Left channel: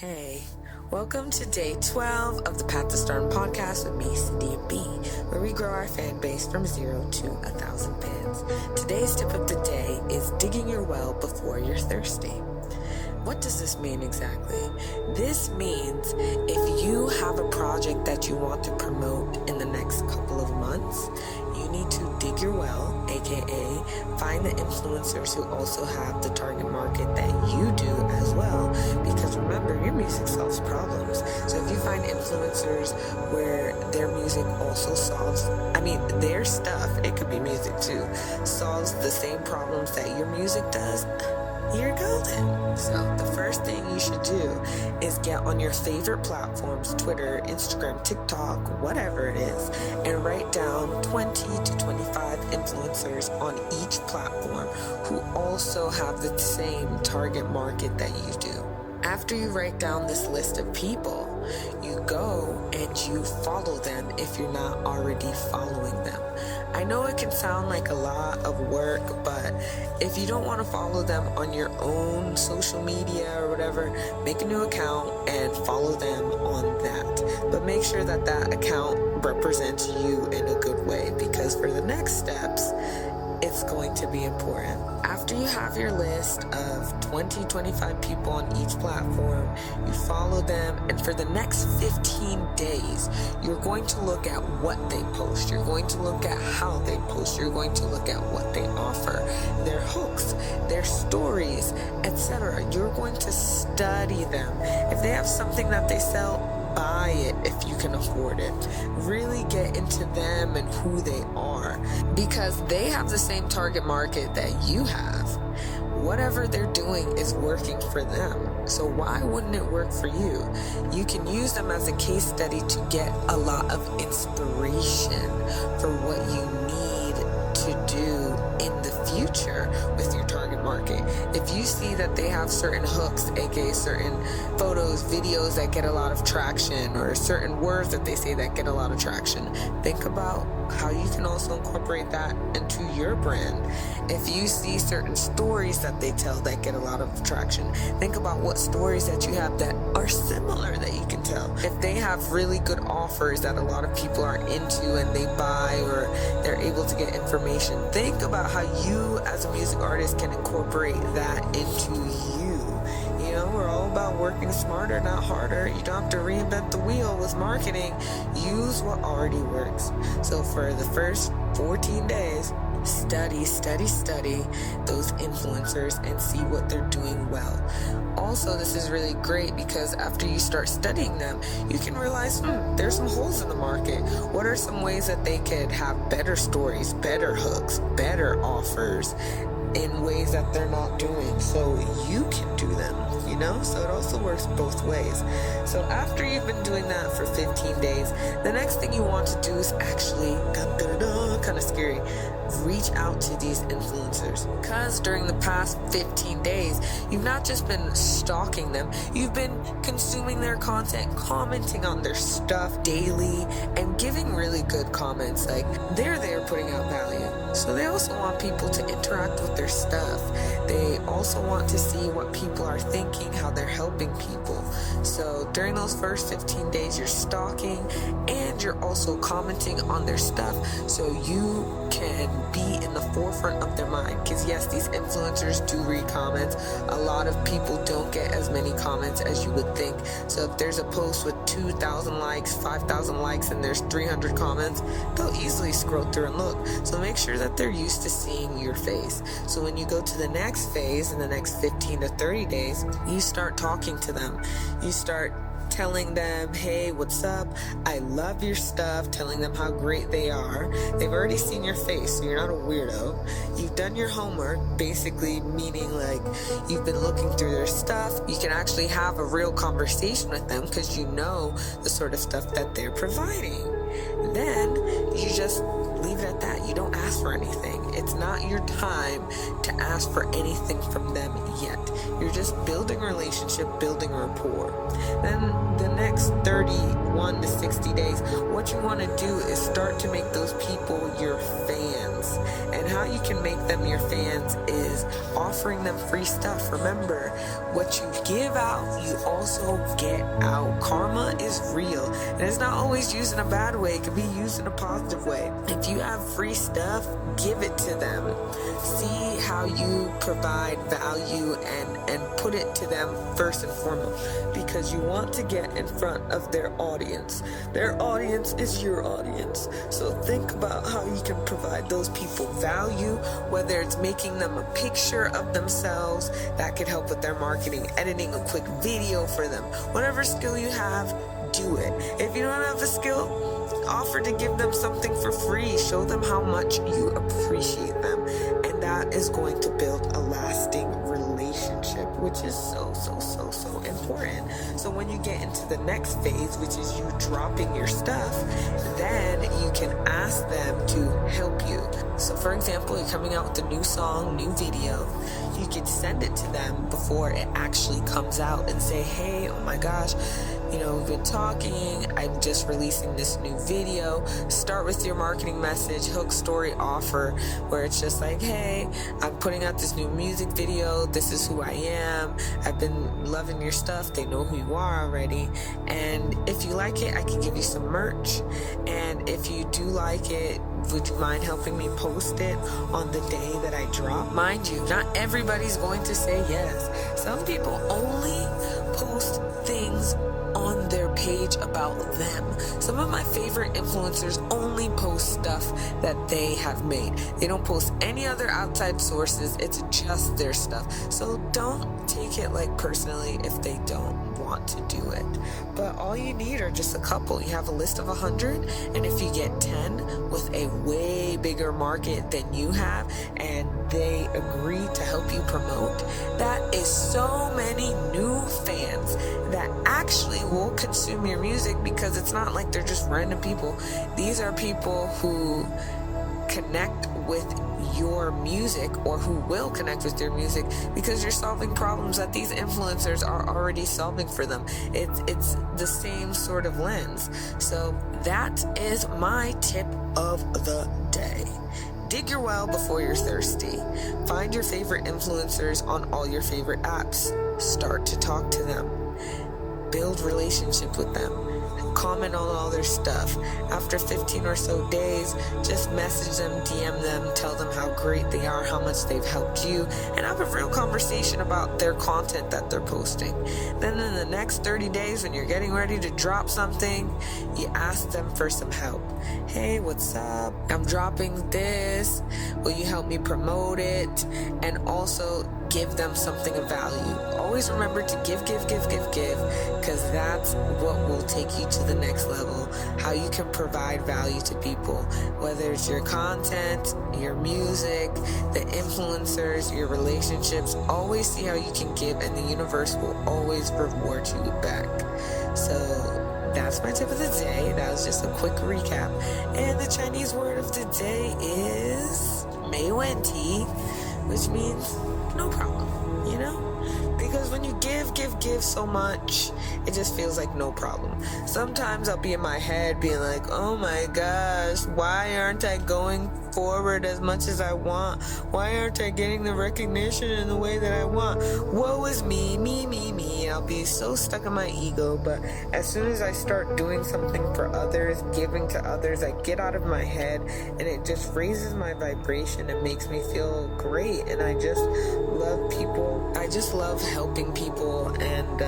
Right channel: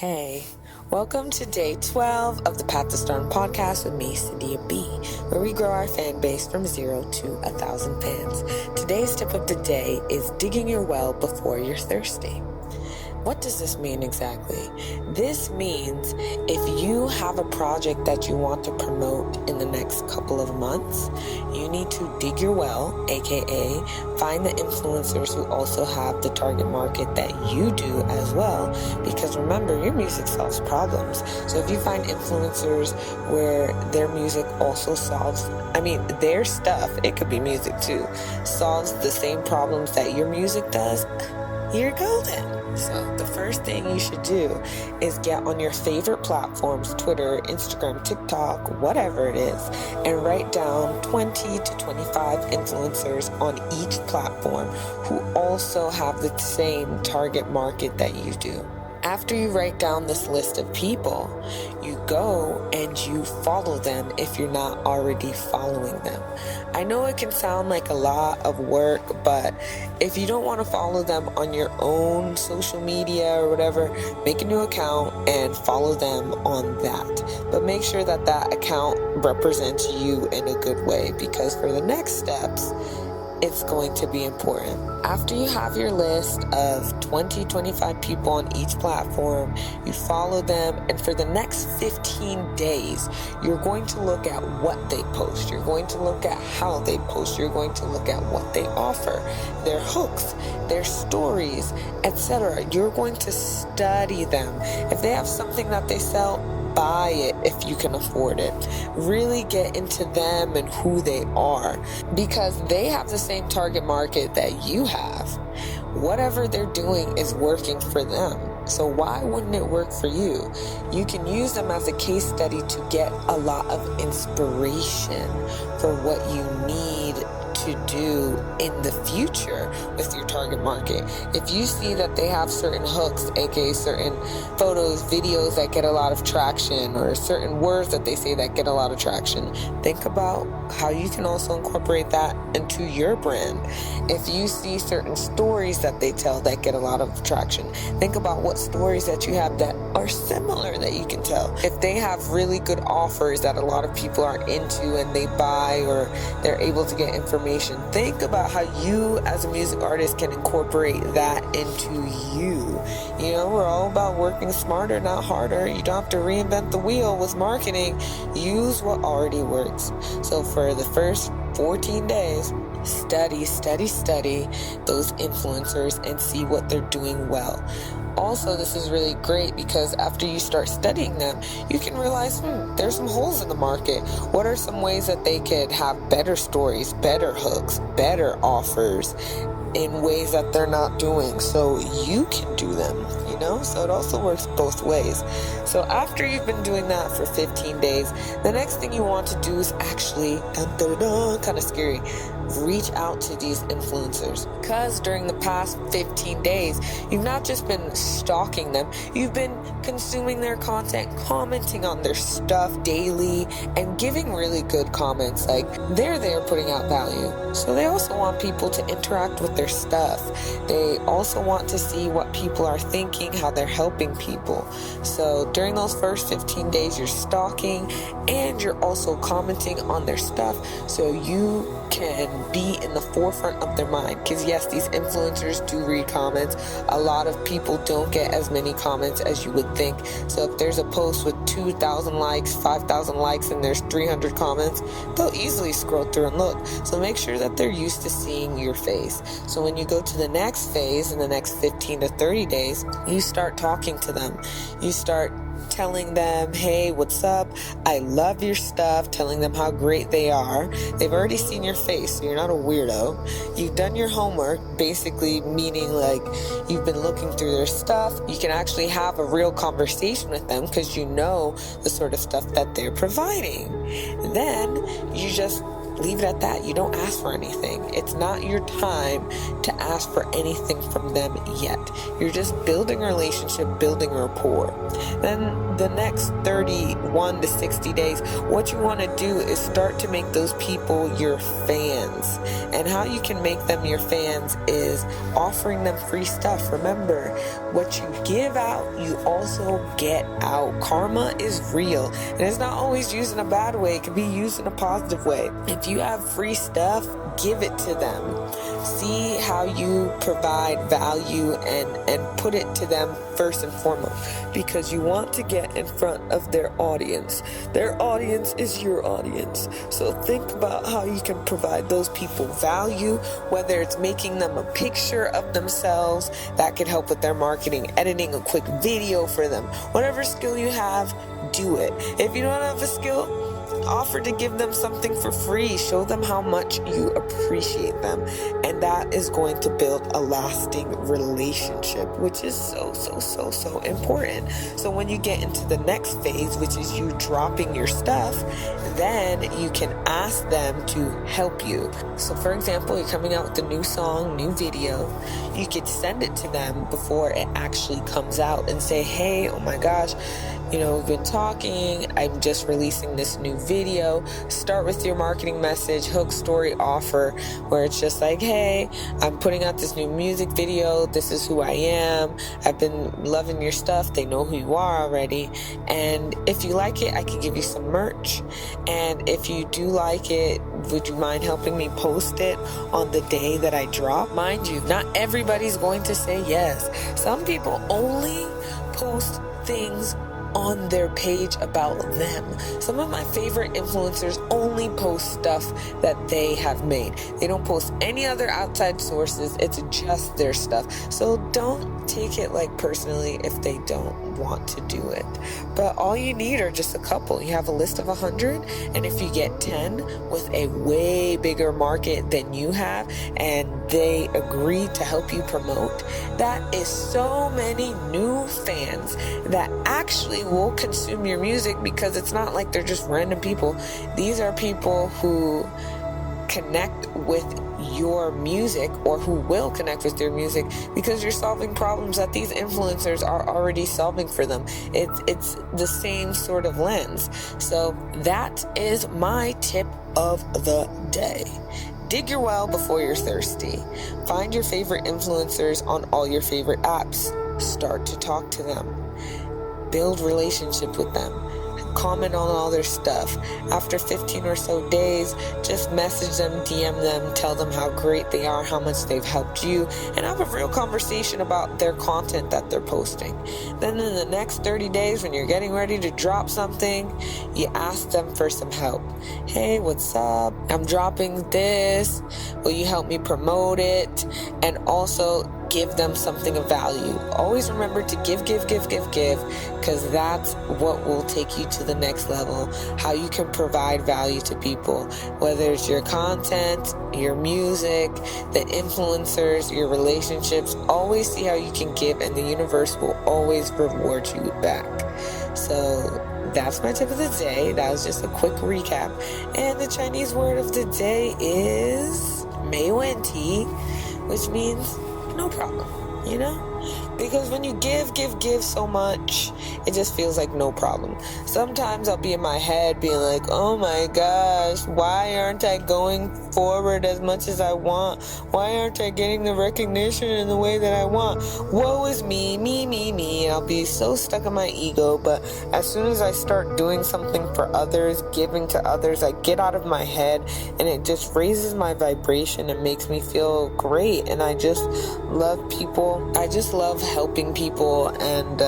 Hey, welcome to day 12 of the Path to Stardom podcast with me, Sadia B, where we grow our fan base from 0 to 1,000 fans. Today's tip of the day is digging your well before you're thirsty. What does this mean exactly? This means if you have a project that you want to promote in the next couple of months, you need to dig your well, aka find the influencers who also have the target market that you do as well. Because remember, your music solves problems. So if you find influencers where their music also their stuff, it could be music too, solves the same problems that your music does, you're golden. So the first thing you should do is get on your favorite platforms, Twitter, Instagram, TikTok, whatever it is, and write down 20 to 25 influencers on each platform who also have the same target market that you do. After you write down this list of people, you go and you follow them if you're not already following them. I know it can sound like a lot of work, but if you don't want to follow them on your own social media or whatever, make a new account and follow them on that. But make sure that that account represents you in a good way, because for the next steps, it's going to be important. After you have your list of 20-25 people on each platform, you follow them, and for the next 15 days, you're going to look at what they post. You're going to look at how they post. You're going to look at what they offer, their hooks, their stories, etc. You're going to study them. If they have something that they sell, buy it if you can afford it. Really get into them and who they are, because they have the same target market that you have. Whatever they're doing is working for them. So why wouldn't it work for you? You can use them as a case study to get a lot of inspiration for what you need to do in the future with your target market. If you see that they have certain hooks, aka certain photos, videos that get a lot of traction, or certain words that they say that get a lot of traction, think about how you can also incorporate that into your brand. If you see certain stories that they tell that get a lot of traction, think about what stories that you have that are similar that you can tell. If they have really good offers that a lot of people are into and they buy, or they're able to get information, think about how you as a music artist can incorporate that into you. You know, we're all about working smarter, not harder. You don't have to reinvent the wheel with marketing. Use what already works. So for the first 14 days, study those influencers and see what they're doing well. Also, this is really great because after you start studying them, you can realize, there's some holes in the market. What are some ways that they could have better stories, better hooks, better offers in ways that they're not doing, so you can do them, so it also works both ways. So after you've been doing that for 15 days, the next thing you want to do is actually, kind of scary, reach out to these influencers, because during the past 15 days, you've not just been stalking them, you've been consuming their content, commenting on their stuff daily, and giving really good comments. Like, they're there putting out value, so they also want people to interact with their stuff. They also want to see what people are thinking, how they're helping people. So during those first 15 days, you're stalking and you're also commenting on their stuff, so you can be in the forefront of their mind. Because yes, these influencers do read comments. A lot of people don't get as many comments as you would think. So if there's a post with 2,000 likes, 5,000 likes, and there's 300 comments, they'll easily scroll through and look. So make sure that they're used to seeing your face. So when you go to the next phase in the next 15 to 30 days, you start talking to them. You start telling them, hey, what's up? I love your stuff, telling them how great they are. They've already seen your face, so you're not a weirdo. You've done your homework, basically meaning like you've been looking through their stuff. You can actually have a real conversation with them because you know the sort of stuff that they're providing. Then you just leave it at that. You don't ask for anything. It's not your time to ask for anything from them yet. You're just building a relationship, building rapport. Then the next 31 to 60 days, what you want to do is start to make those people your fans. And how you can make them your fans is offering them free stuff. Remember, what you give out, you also get out. Karma is real. And it's not always used in a bad way. It can be used in a positive way. If you have free stuff, give it to them. See how you provide value and put it to them first and foremost, because you want to get in front of their audience. Their audience is your audience. So think about how you can provide those people value, whether it's making them a picture of themselves that could help with their marketing, editing a quick video for them. Whatever skill you have, do it. If you don't have a skill, offer to give them something for free. Show them how much you appreciate them. And that is going to build a lasting relationship, which is so important. So when you get into the next phase, which is you dropping your stuff, then you can ask them to help you. So for example, you're coming out with a new song, new video. You could send it to them before it actually comes out and say, hey, oh my gosh, we've been talking, I'm just releasing this new video. Start with your marketing message, hook, story, offer, where it's just like, hey, I'm putting out this new music video. This is who I am. I've been loving your stuff. They know who you are already. And if you like it, I can give you some merch. And if you do like it, would you mind helping me post it on the day that I drop? Mind you, not everybody's going to say yes. Some people only post things on their page about them. Some of my favorite influencers only post stuff that they have made. They don't post any other outside sources. It's just their stuff. So don't take it personally if they don't want to do it. But all you need are just a couple. You have a list of 100, and if you get 10 with a way bigger market than you have, and they agree to help you promote, that is so many new fans that actually will consume your music, because it's not like they're just random people. These are people who connect with your music, or who will connect with your music, because you're solving problems that these influencers are already solving for them. It's the same sort of lens. So that is my tip of the day. Dig your well before you're thirsty. Find your favorite influencers on all your favorite apps. Start to talk to them. Build relationship with them. Comment on all their stuff. After 15 or so days, just message them, DM them, tell them how great they are, how much they've helped you, and have a real conversation about their content that they're posting. Then in the next 30 days, when you're getting ready to drop something, you ask them for some help. Hey, what's up? I'm dropping this. Will you help me promote it? And also give them something of value. Always remember to give, because that's what will take you to the next level. How you can provide value to people, whether it's your content, your music, the influencers, your relationships. Always see how you can give, and the universe will always reward you back. So that's my tip of the day. That was just a quick recap. And the Chinese word of the day is 没问题, which means no problem, because when you give so much, it just feels like no problem. Sometimes I'll be in my head being like, oh my gosh, why aren't I going forward as much as I want? Why aren't I getting the recognition in the way that I want? Woe is me. I'll be so stuck in my ego. But as soon as I start doing something for others, giving to others, I get out of my head, and it just raises my vibration and makes me feel great. And I just love people. I just love helping people and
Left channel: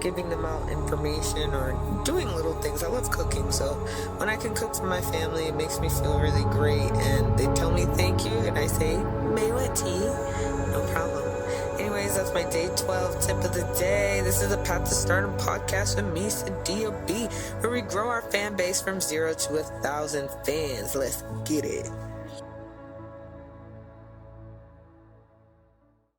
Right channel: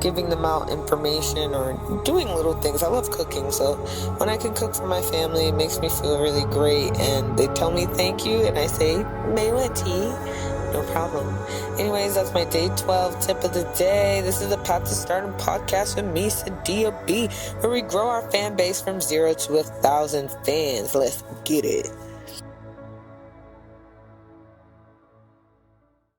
giving them out information or doing little things. I love cooking, so when I can cook for my family, it makes me feel really great. And they tell me thank you, and I say 没问题, no problem. Anyways, that's my day 12 tip of the day. This is the Path to Stardom podcast with me, Sadia B, where we grow our fan base from 0 to 1,000 fans. Let's get it.